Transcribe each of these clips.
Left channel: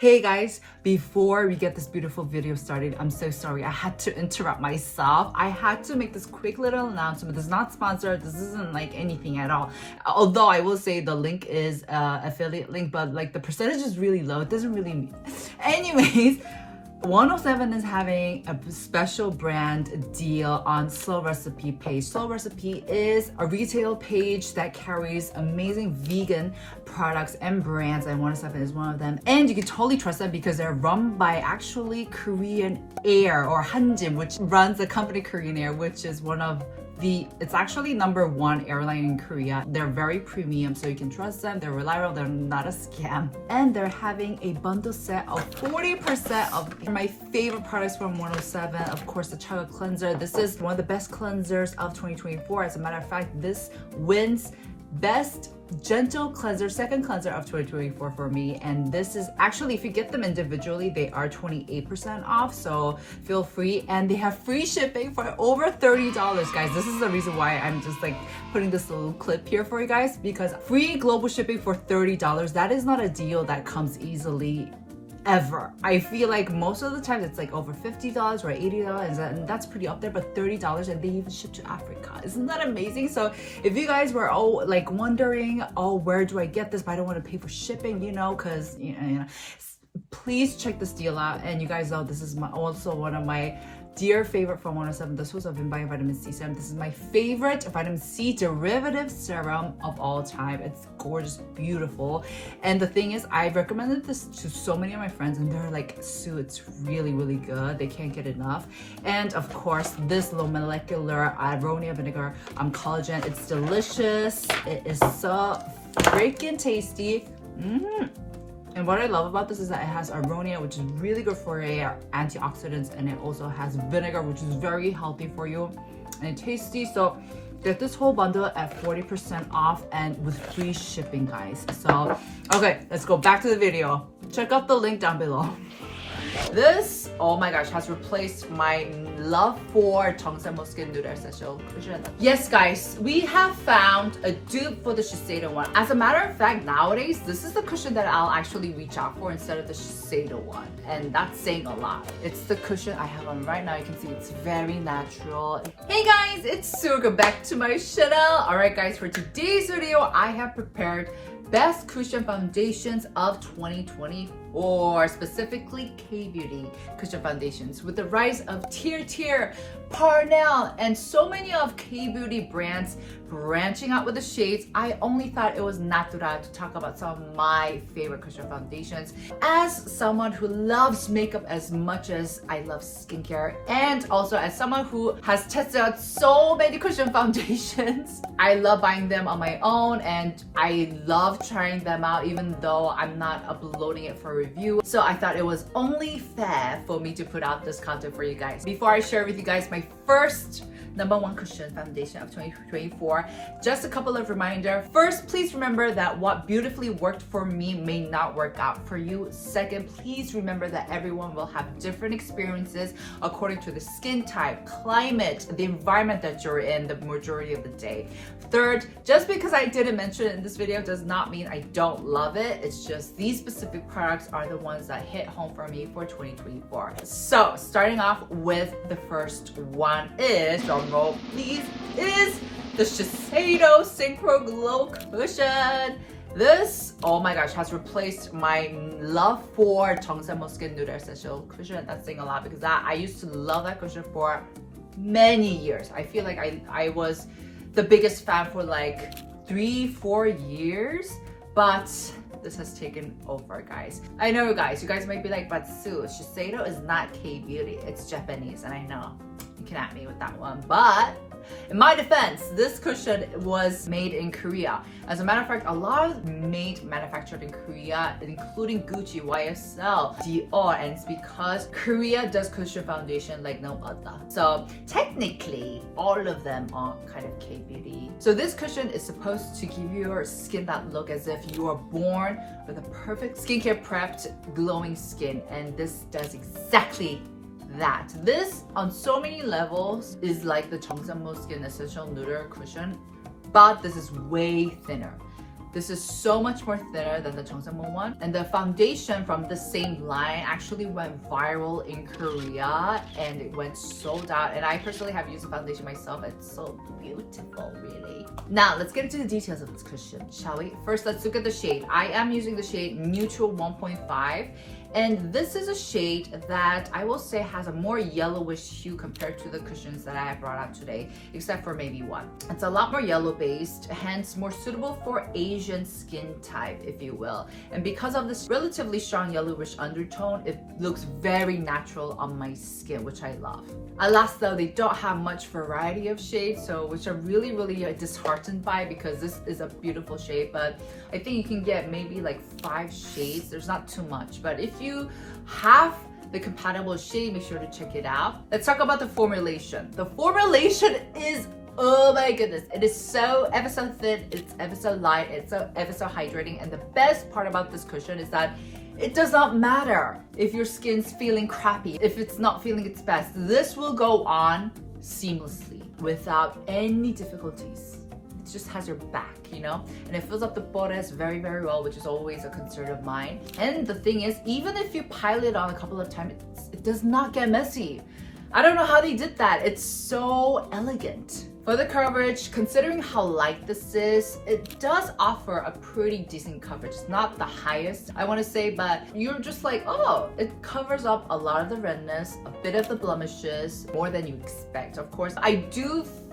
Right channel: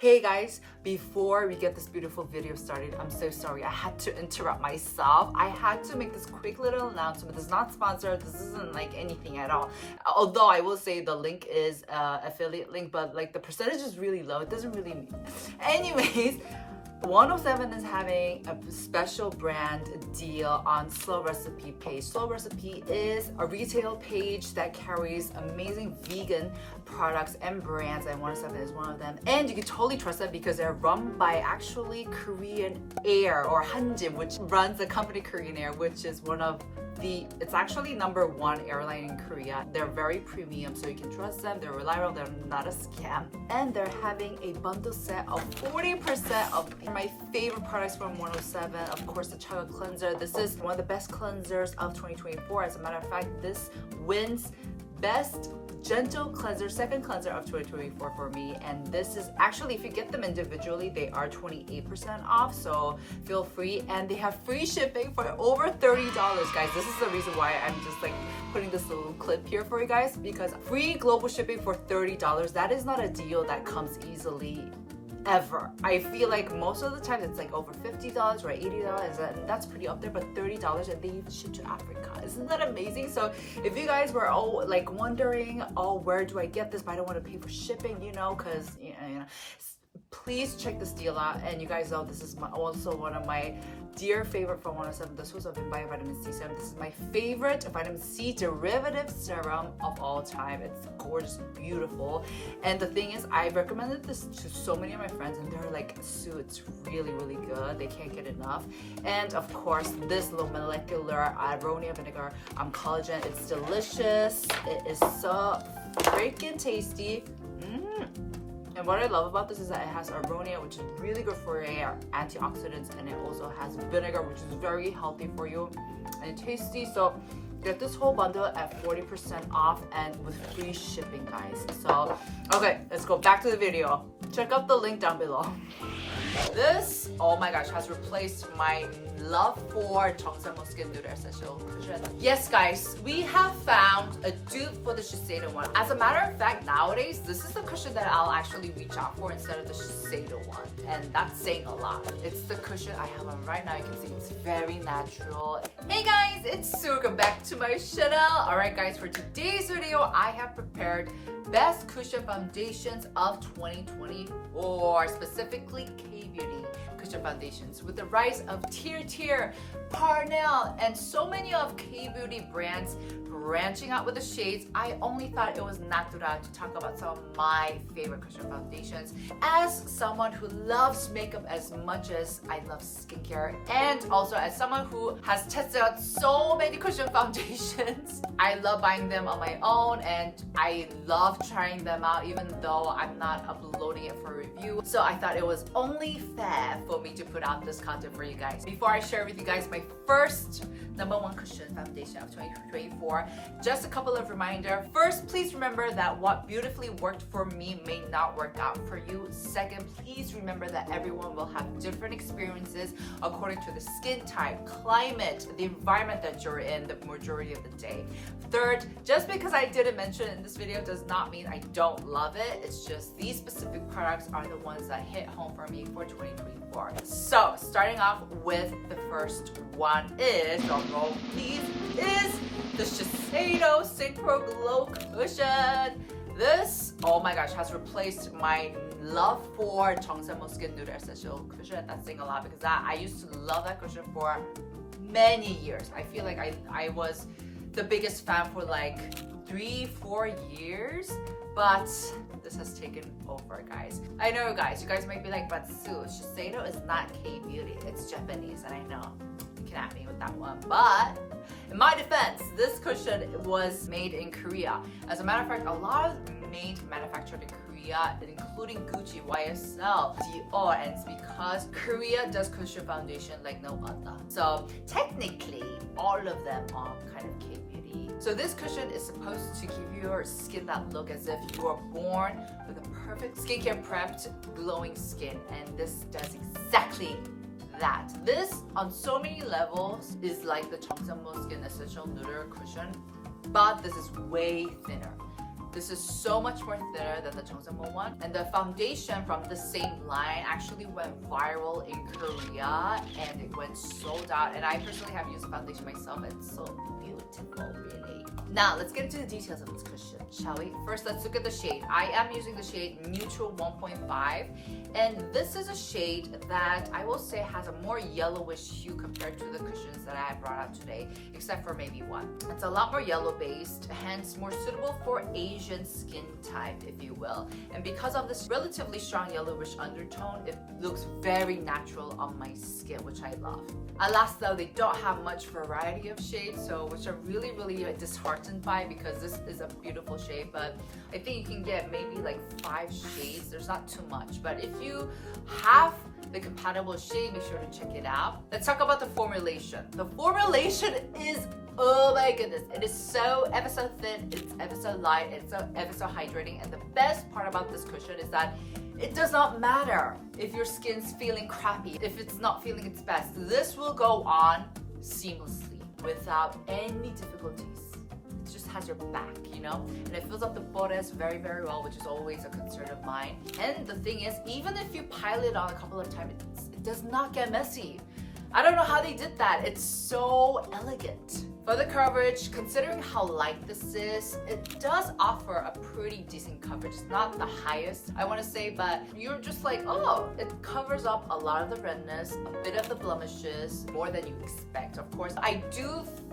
Hey guys, before we get this beautiful video started, I'm so sorry. I had to interrupt myself. I had to make this quick little announcement. This is not sponsored. This isn't like anything at all. Although I will say the link is affiliate link, but like the percentage is really low. It doesn't really mean. Anyways, 107 is having a special brand deal on Slow Recipe page. Slow Recipe is a retail page that carries amazing vegan products and brands, and 107 is one of them. And you can totally trust them because they're run by actually Korean Air or Hanjin, which runs the company Korean Air, which is one of it's actually #1 airline in Korea. They're very premium, so you can trust them. They're reliable. They're not a scam. And they're having a bundle set of 40% of my favorite products from 107. Of course, the Chocolate Cleanser. This is one of the best cleansers of 2024. As a matter of fact, this wins Best Gentle Cleanser, second cleanser of 2024 for me. And this is actually, if you get them individually, they are 28% off, so feel free. And they have free shipping for over $30, guys. This is the reason why I'm just like putting this little clip here for you guys, because free global shipping for $30, that is not a deal that comes easily ever. I feel like most of the time it's like over $50 or $80, and that's pretty up there, but $30, and they even ship to Africa. Isn't that amazing? So if you guys were all like wondering, where do I get this, but I don't want to pay for shipping, because please check this deal out. And you guys know this is also one of my dear favorite from 107. This was a Vinbio Vitamin C serum. This is my favorite vitamin C derivative serum of all time. It's gorgeous, beautiful. And the thing is, I've recommended this to so many of my friends, and they're like, Sue, it's really, really good. They can't get enough. And of course, this low molecular aronia vinegar collagen. It's delicious. It is so freaking tasty. And what I love about this is that it has aronia, which is really good for your antioxidants, and it also has vinegar, which is very healthy for you and tasty. So get this whole bundle at 40% off and with free shipping, guys. So, okay, let's go back to the video. Check out the link down below. This, oh my gosh, has replaced my love for Jeongsanmo Skin Nude Essential Cushion. Yes, guys, we have found a dupe for the Shiseido one. As a matter of fact, nowadays, this is the cushion that I'll actually reach out for instead of the Shiseido one. And that's saying a lot. It's the cushion I have on right now. You can see it's very natural. Hey guys, it's Sue. Welcome back to my channel. Alright guys, for today's video, I have prepared best cushion foundations of 2024, specifically K-Beauty cushion foundations. With the rise of Tier, Parnell, and so many of K-Beauty brands branching out with the shades, I only thought it was natural to talk about some of my favorite cushion foundations. As someone who loves makeup as much as I love skincare, and also as someone who has tested out so many cushion foundations, I love buying them on my own, and I love trying them out even though I'm not uploading it for review. So I thought it was only fair for me to put out this content for you guys. Before I share with you guys my first #1 cushion foundation of 2024, just a couple of reminders. First, please remember that what beautifully worked for me may not work out for you. Second, please remember that everyone will have different experiences according to the skin type, climate, the environment that you're in the majority of the day. Third, just because I didn't mention it in this video does not mean I don't love it. It's just these specific products are the ones that hit home for me for 2024. So starting off with the first one is, drum roll please, is the Shiseido Synchro Glow Cushion. This, oh my gosh, has replaced my love for Jeongsanmo Skin Nude Essential Cushion. That's saying a lot because I used to love that cushion for many years. I feel like I was the biggest fan for like 3-4 years, but this has taken over, guys. I know, guys, you guys might be like, but Sue, Shiseido is not K-Beauty, it's Japanese, and I know you can at me with that one, but in my defense, this cushion was made in Korea. As a matter of fact, a lot of manufactured in Korea, including Gucci, YSL, Dior, and it's because Korea does cushion foundation like no other. So technically, all of them are kind of K-Beauty. So this cushion is supposed to give your skin that look as if you are born with a perfect skincare prepped, glowing skin, and this does exactly that. This, on so many levels, is like the Jeongsanmo Skin Essential Nude Cushion, but this is way thinner. This is so much more thinner than the Chongsammun one. And the foundation from the same line actually went viral in Korea and it went sold out. And I personally have used the foundation myself. It's so beautiful, really. Now, let's get into the details of this cushion, shall we? First, let's look at the shade. I am using the shade Neutral 1.5. And this is a shade that I will say has a more yellowish hue compared to the cushions that I have brought out today, except for maybe one. It's a lot more yellow based, hence more suitable for Asian skin type, if you will. And because of this relatively strong yellowish undertone, it looks very natural on my skin, which I love. Alas though, they don't have much variety of shades, so which I'm really disheartened by, because this is a beautiful shade, but I think you can get maybe like 5 shades. There's not too much, but if you have the compatible shade, make sure to check it out. Let's talk about the formulation. The formulation is, oh my goodness, it is so ever so thin, it's ever so light, it's so ever so hydrating. And the best part about this cushion is that it does not matter if your skin's feeling crappy, if it's not feeling its best. This will go on seamlessly without any difficulties. It just has your back, you know, and it fills up the bodice very well, which is always a concern of mine. And the thing is, even if you pile it on a couple of times, it does not get messy. I don't know how they did that. It's so elegant. For the coverage, considering how light this is, it does offer a pretty decent coverage. It's not the highest, I want to say, but you're just like, oh, it covers up a lot of the redness, a bit of the blemishes, more than you expect. Of course, I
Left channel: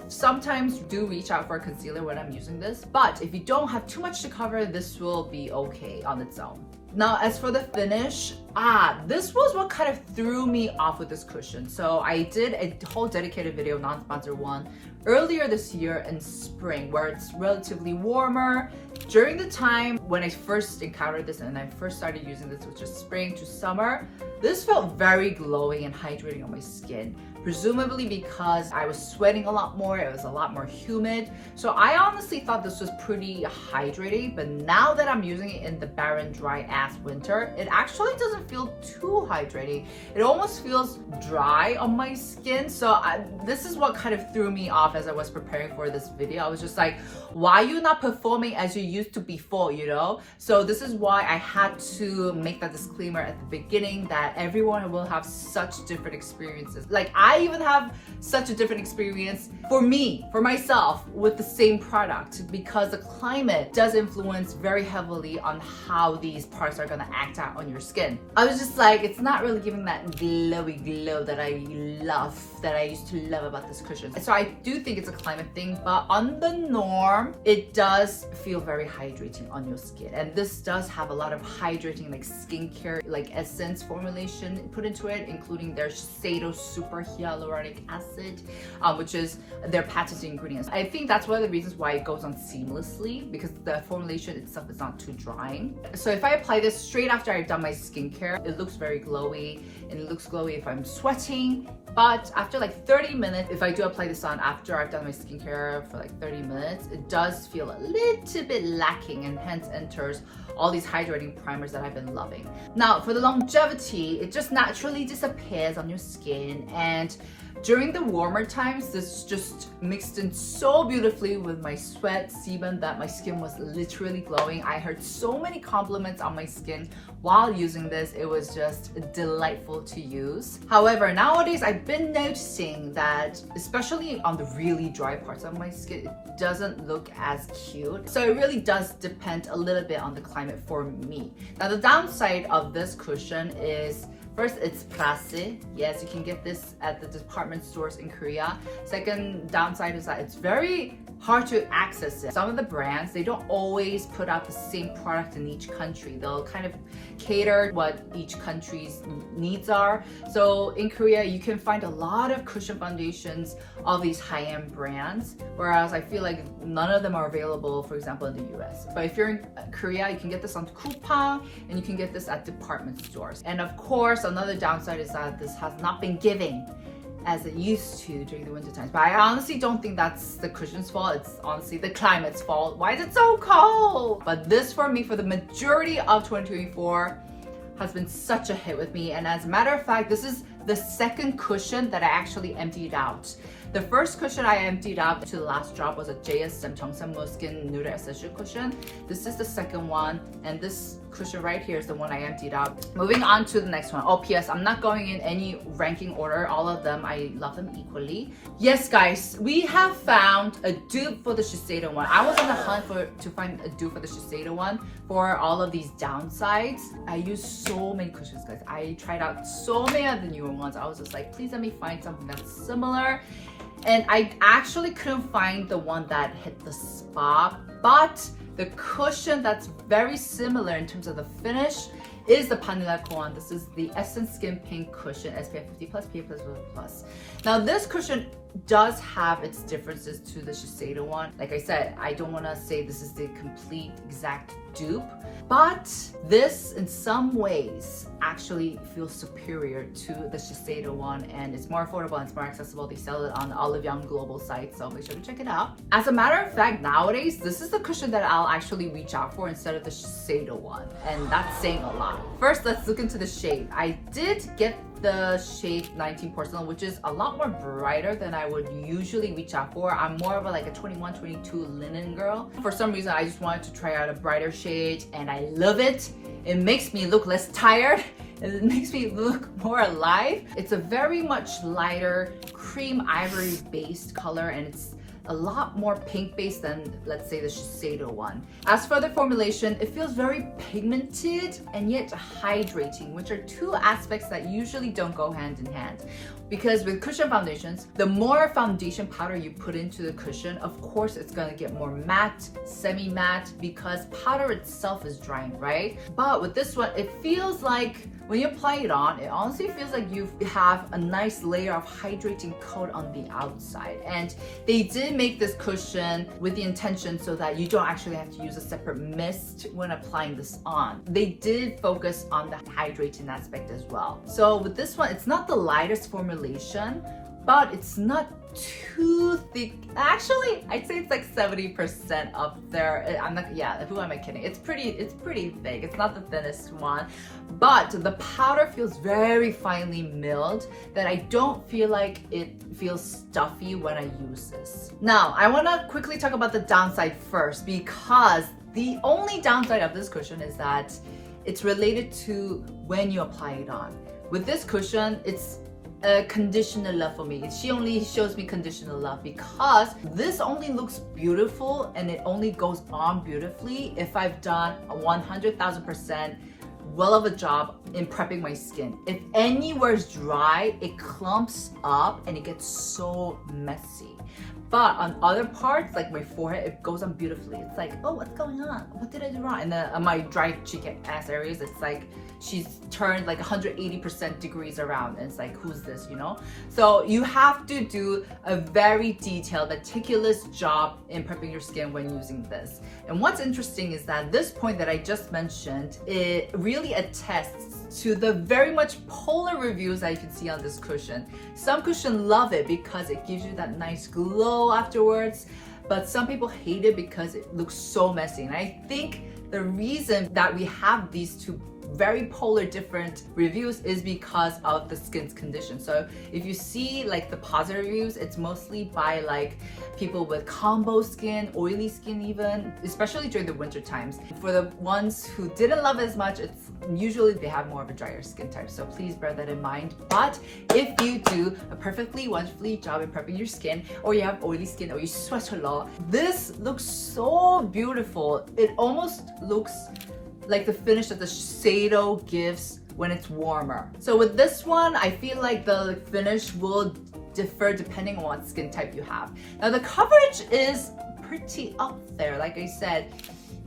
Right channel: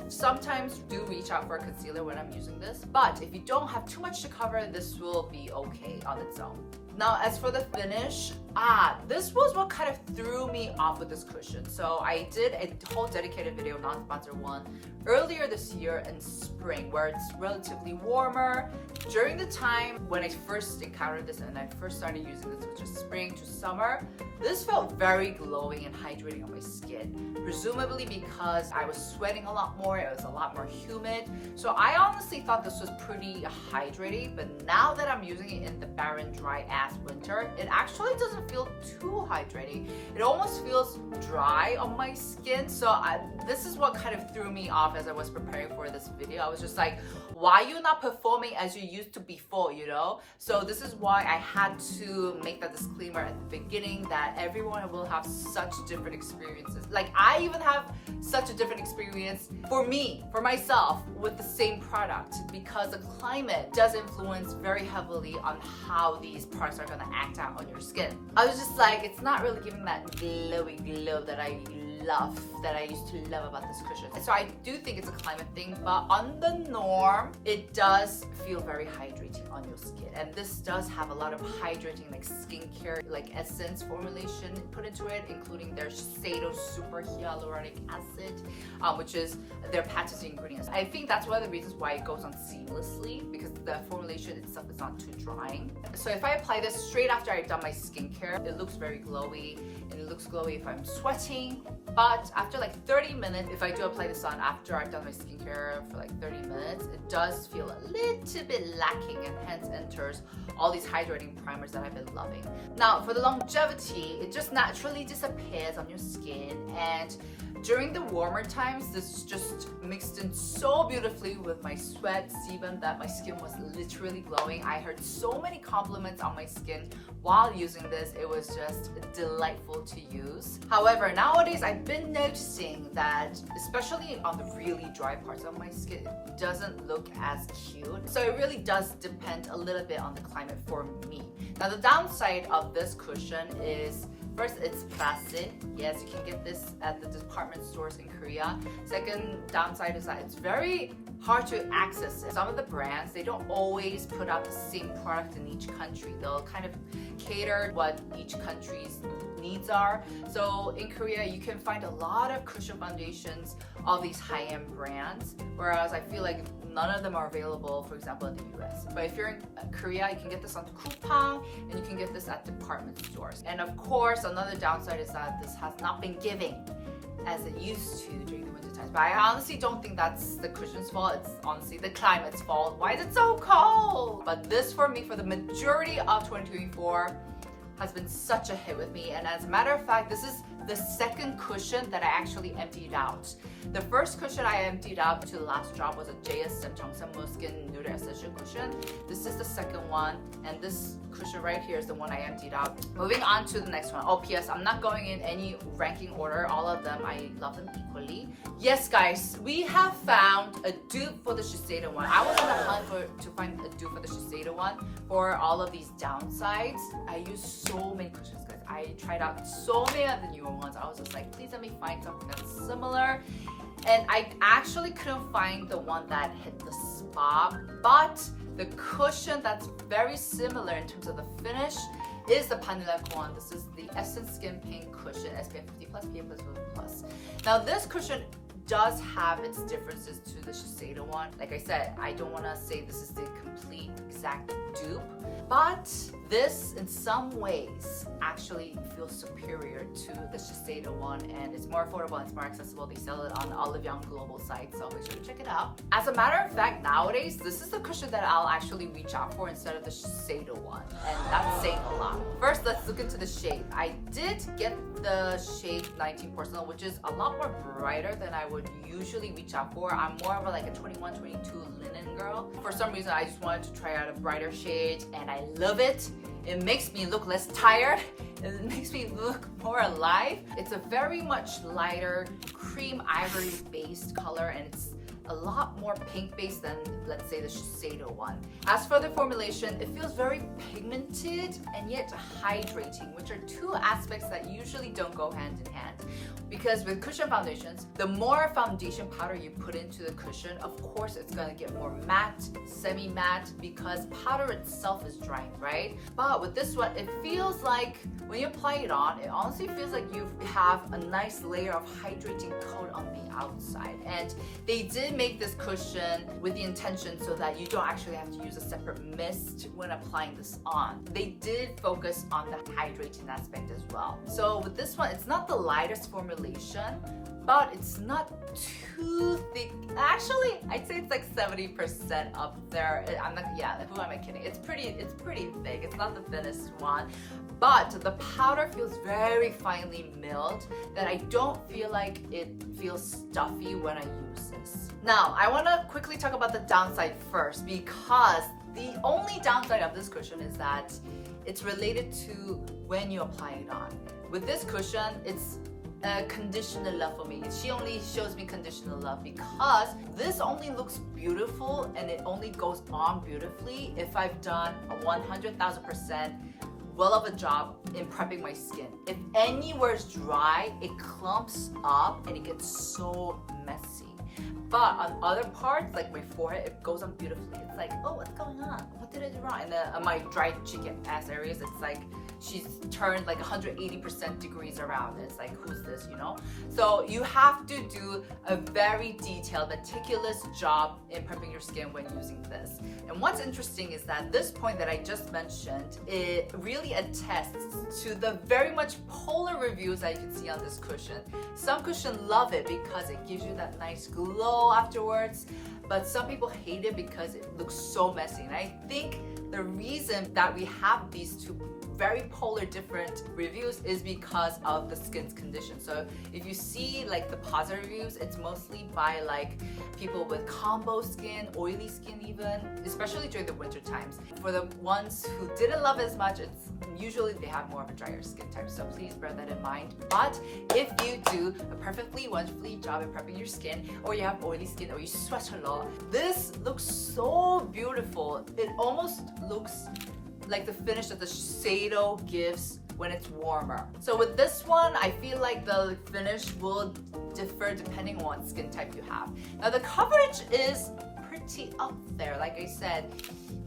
sometimes do reach out for a concealer when I'm using this, but if you don't have too much to cover, this will be okay on its own. Now, as for the finish, this was what kind of threw me off with this cushion. So I did a whole dedicated video, non-sponsored one, earlier this year in spring, where it's relatively warmer. During the time when I first encountered this and I first started using this, which is spring to summer, this felt very glowing and hydrating on my skin, presumably because I was sweating a lot more, it was a lot more humid. So I honestly thought this was pretty hydrating, but now that I'm using it in the barren, dry ass winter, it actually doesn't feel too hydrating. It almost feels dry on my skin. So this is what kind of threw me off as I was preparing for this video. I was just like, why are you not performing as you used to before, you know? So this is why I had to make that disclaimer at the beginning that everyone will have such different experiences. Like, I even have such a different experience for myself with the same product, because the climate does influence very heavily on how these products are gonna act out on your skin. I was just like, it's not really giving that glowy glow that I love, that I used to love about this cushion. So I do think it's a climate thing, but on the norm, it does feel very hydrating on your skin. And this does have a lot of hydrating, like skincare, like essence formulation put into it, including their Shiseido Super Hyaluronic Acid, which is their patented ingredients. I think that's one of the reasons why it goes on seamlessly, because the formulation itself is not too drying. So if I apply this straight after I've done my skincare, it looks very glowy, and it looks glowy if I'm sweating. But after like 30 minutes, if I do apply this on after I've done my skincare for like 30 minutes, it does feel a little bit lacking, and hence enters all these hydrating primers that I've been loving. Now, for the longevity, it just naturally disappears on your skin, and during the warmer times, this just mixed in so beautifully with my sweat, sebum, that my skin was literally glowing. I heard so many compliments on my skin while using this. It was just delightful to use. However, nowadays I've been noticing that, especially on the really dry parts of my skin, it doesn't look as cute. So it really does depend a little bit on the climate for me. Now, the downside of this cushion is, first, it's plastic. Yes, you can get this at the department stores in Korea. Second downside is that it's very hard to access it. Some of the brands, they don't always put out the same product in each country. They'll kind of cater what each country's needs are. So in Korea, you can find a lot of cushion foundations of these high-end brands, whereas I feel like none of them are available, for example, in the US. But if you're in Korea, you can get this on Coupang, and you can get this at department stores. And of course, another downside is that this has not been giving as it used to during the winter times. But I honestly don't think that's the cushion's fault. It's honestly the climate's fault. Why is it so cold? But this, for me, for the majority of 2024, has been such a hit with me. And as a matter of fact, this is the second cushion that I actually emptied out. The first cushion I emptied out to the last drop was a JSM 정산모 Skin Nude Essential cushion. This is the second one, and this cushion right here is the one I emptied out. Moving on to the next one. Oh, PS, I'm not going in any ranking order. All of them, I love them equally. Yes, guys, we have found a dupe for the Shiseido one. I was on the hunt to find a dupe for the Shiseido one for all of these downsides. I used so many cushions, guys. I tried out so many of the newer ones. I was just like, please let me find something that's similar. And I actually couldn't find the one that hit the spot, but the cushion that's very similar in terms of the finish is the Banila Co one. This is the Essence Skin Pink Cushion SPF 50+, PA+++. Now this cushion does have its differences to the Shiseido one. Like I said, I don't want to say this is the complete exact dupe, but this in some ways actually feels superior to the Shiseido one, and it's more affordable and it's more accessible. They sell it on the Olive Young global site, so make sure to check it out. As a matter of fact, nowadays this is the cushion that I'll actually reach out for instead of the Shiseido one, and that's saying a lot. First, let's look into the shade. I did get the shade 19 Porcelain, which is a lot more brighter than I would usually reach out for. I'm more of like a 21, 22 linen girl. For some reason, I just wanted to try out a brighter shade, and I love it. It makes me look less tired. It makes me look more alive. It's a very much lighter cream ivory based color, and it's a lot more pink based than, let's say, the Shiseido one. As for the formulation, it feels very pigmented and yet hydrating, which are two aspects that usually don't go hand in hand. Because with cushion foundations, the more foundation powder you put into the cushion, of course it's gonna get more matte, semi-matte, because powder itself is drying, right? But with this one, it feels like when you apply it on, it honestly feels like you have a nice layer of hydrating coat on the outside. And they did make this cushion with the intention so that you don't actually have to use a separate mist when applying this on. They did focus on the hydrating aspect as well. So with this one, it's not the lightest formulation, but it's not too thick. Actually, I'd say it's like 70% up there. I'm not, yeah, who am I kidding? It's pretty thick. It's not the thinnest one, but the powder feels very finely milled that I don't feel like it feels stuffy when I use this. Now, I wanna quickly talk about the downside first, because the only downside of this cushion is that it's related to when you apply it on. With this cushion, it's a conditioner love for me. She only shows me conditioner love because this only looks beautiful and it only goes on beautifully if I've done a 100,000% well of a job in prepping my skin. If anywhere's dry, it clumps up and it gets so messy. But on other parts, like my forehead, it goes on beautifully. It's like, oh, what's going on? What did I do wrong? And then on my dry cheek ass areas, it's like she's turned like 180% degrees around. And it's like, who's this, you know? So you have to do a very detailed, meticulous job in prepping your skin when using this. And what's interesting is that this point that I just mentioned, it really attests to the very much polar reviews that you can see on this cushion. Some cushions love it because it gives you that nice glow afterwards, but some people hate it because it looks so messy. And I think the reason that we have these two very polar different reviews is because of the skin's condition. So if you see like the positive reviews, it's mostly by like people with combo skin, oily skin even, especially during the winter times. For the ones who didn't love it as much, it's usually they have more of a drier skin type. So please bear that in mind. But if you do a perfectly wonderfully job in prepping your skin, or you have oily skin, or you sweat a lot, this looks so beautiful. It almost looks like the finish that the Shiseido gives when it's warmer. So with this one, I feel like the finish will differ depending on what skin type you have. Now the coverage is pretty up there. Like I said,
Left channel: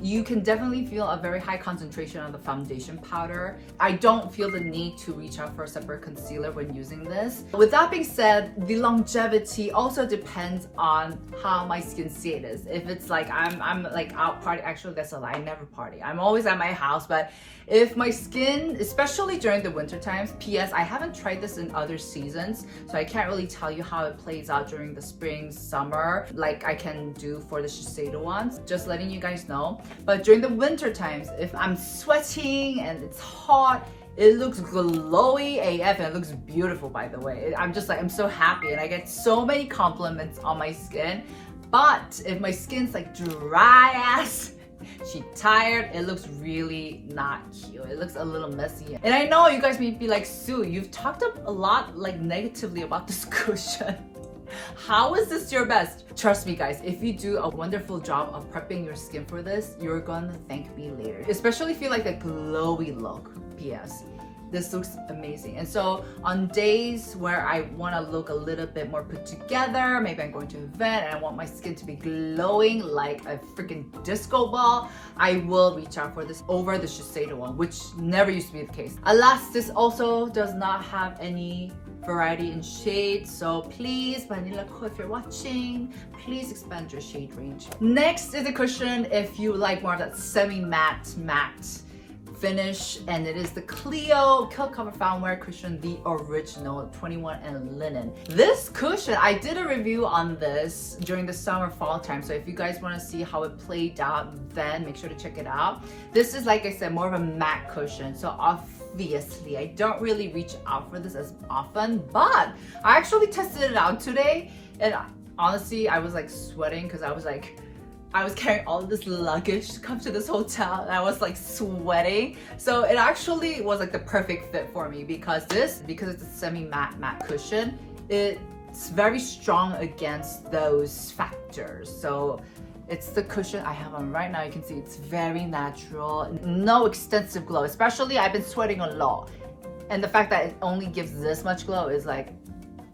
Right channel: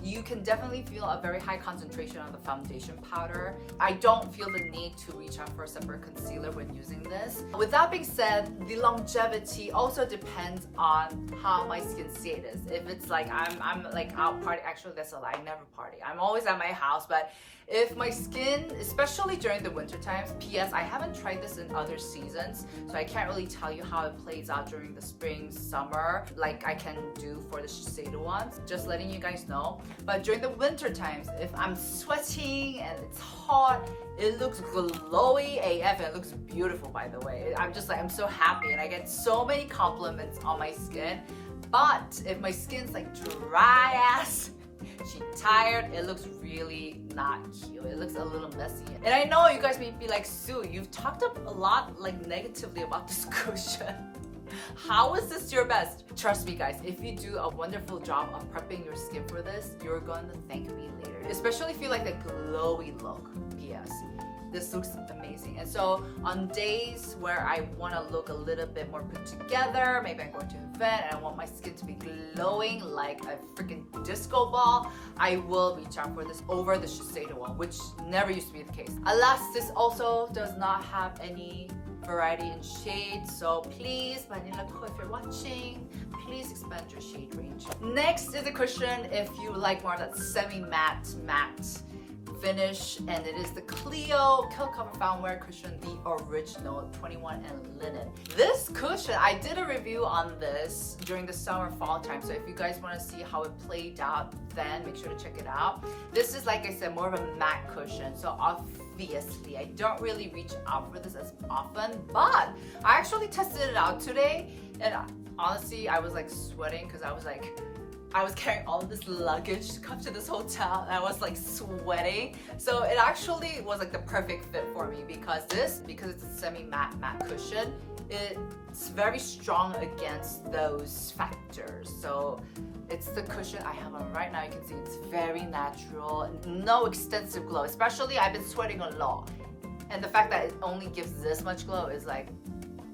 you can definitely feel a very high concentration on the foundation powder. I don't feel the need to reach out for a separate concealer when using this. With that being said, the longevity also depends on how my skin state is. If it's like I'm like out party, actually that's a lie, I never party. I'm always at my house, but if my skin, especially during the winter times, PS, I haven't tried this in other seasons, so I can't really tell you how it plays out during the spring, summer, like I can do for the Shiseido ones. Just letting you guys know. But during the winter times, if I'm sweating and it's hot, It looks glowy AF and it looks beautiful, by the way. I'm just like, I'm so happy and I get so many compliments on my skin. But if my skin's like dry ass, she tired, it looks really not cute. It looks a little messy. And I know you guys may be like, Sue, you've talked up a lot like negatively about this cushion. How is this your best? Trust me guys, if you do a wonderful job of prepping your skin for this, you're gonna thank me later. Especially if you like a glowy look. P.S. This looks amazing. And so on days where I want to look a little bit more put together, maybe I'm going to an event and I want my skin to be glowing like a freaking disco ball, I will reach out for this over the Shiseido one, which never used to be the case. Alas, this also does not have any variety in shades, so please, Banila Co, if you're watching, please expand your shade range. Next is a cushion if you like more of that semi-matte finish, and it is the Clio Kill Cover Founwear cushion, the original 21 and linen. This cushion, I did a review on this during the summer fall time, so if you guys want to see how it played out then, make sure to check it out. This is, like I said, more of a matte cushion, so obviously I don't really reach out for this as often, but I actually tested it out today, and honestly I was like sweating because I was carrying all of this luggage to come to this hotel and I was like sweating. So it actually was like the perfect fit for me because it's a semi-matte cushion, it's very strong against those factors. So it's the cushion I have on right now. You can see it's very natural, no extensive glow, especially I've been sweating a lot. And the fact that it only gives this much glow is like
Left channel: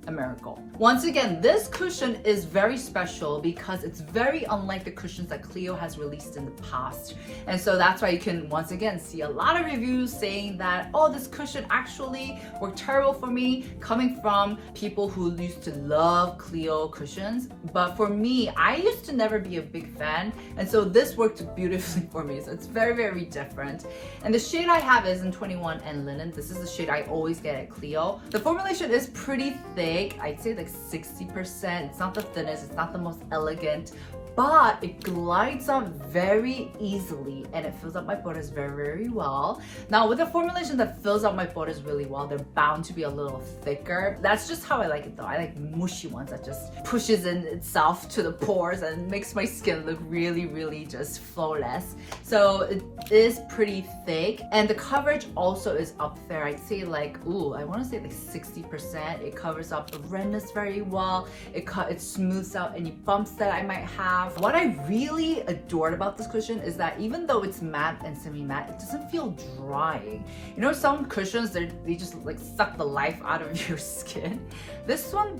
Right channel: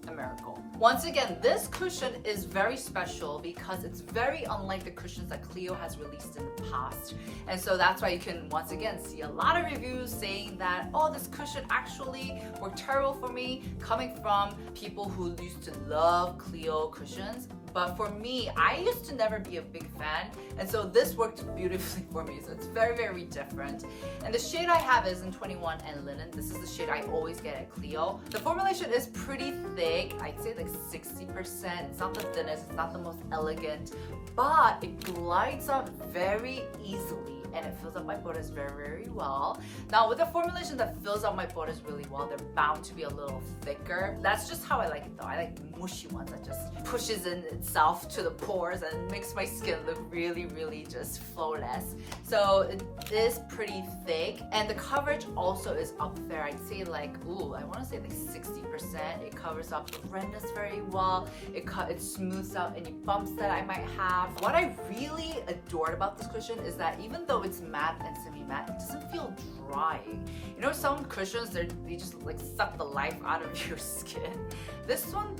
a miracle. Once again, this cushion is very special because it's very unlike the cushions that Clio has released in the past. And so that's why you can once again see a lot of reviews saying that, oh, this cushion actually worked terrible for me, coming from people who used to love Clio cushions. But for me, I used to never be a big fan. And so this worked beautifully for me. So it's very, very different. And the shade I have is in 21 and linen. This is the shade I always get at Clio. The formulation is pretty thick. I'd say like 60%. It's not the thinnest, it's not the most elegant, but it glides on very easily and it fills up my pores very, very well. Now with a formulation that fills up my pores really well, they're bound to be a little thicker. That's just how I like it though. I like mushy ones that just pushes in itself to the pores and makes my skin look really, really just flawless. So it is pretty thick and the coverage also is up there. I'd say like, I want to say like 60%. It covers up the redness very well. It smooths out any bumps that I might have. What I really adored about this cushion is that even though it's matte and semi-matte, it doesn't feel drying. You know, some cushions, they just like suck the life out of your skin. This one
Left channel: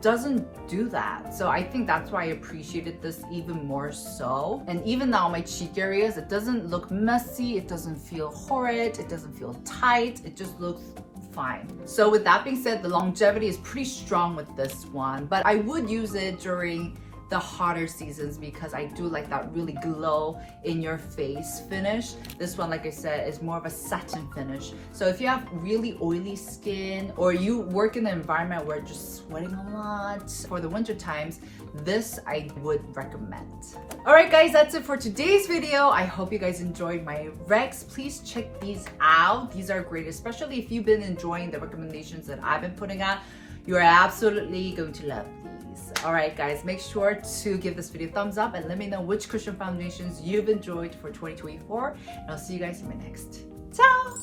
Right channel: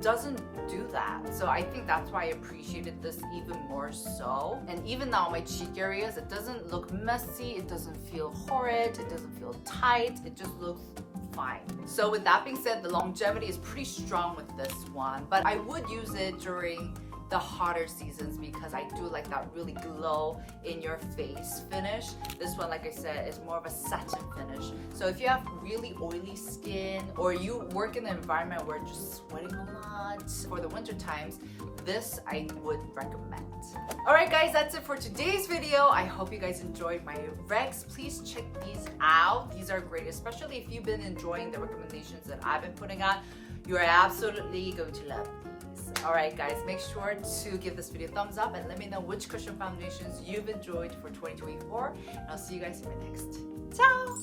doesn't do that. So I think that's why I appreciated this even more so. And even now my cheek areas, it doesn't look messy, it doesn't feel horrid, it doesn't feel tight, it just looks fine. So with that being said, the longevity is pretty strong with this one, but I would use it during the hotter seasons because I do like that really glow in your face finish. This one, like I said, is more of a satin finish. So if you have really oily skin or you work in an environment where you're just sweating a lot for the winter times, this I would recommend. Alright guys, that's it for today's video. I hope you guys enjoyed my recs. Please check these out. These are great, especially if you've been enjoying the recommendations that I've been putting out. You are absolutely going to love these. Alright guys, make sure to give this video a thumbs up and let me know which cushion foundations you've enjoyed for 2024. And I'll see you guys in my next. Ciao!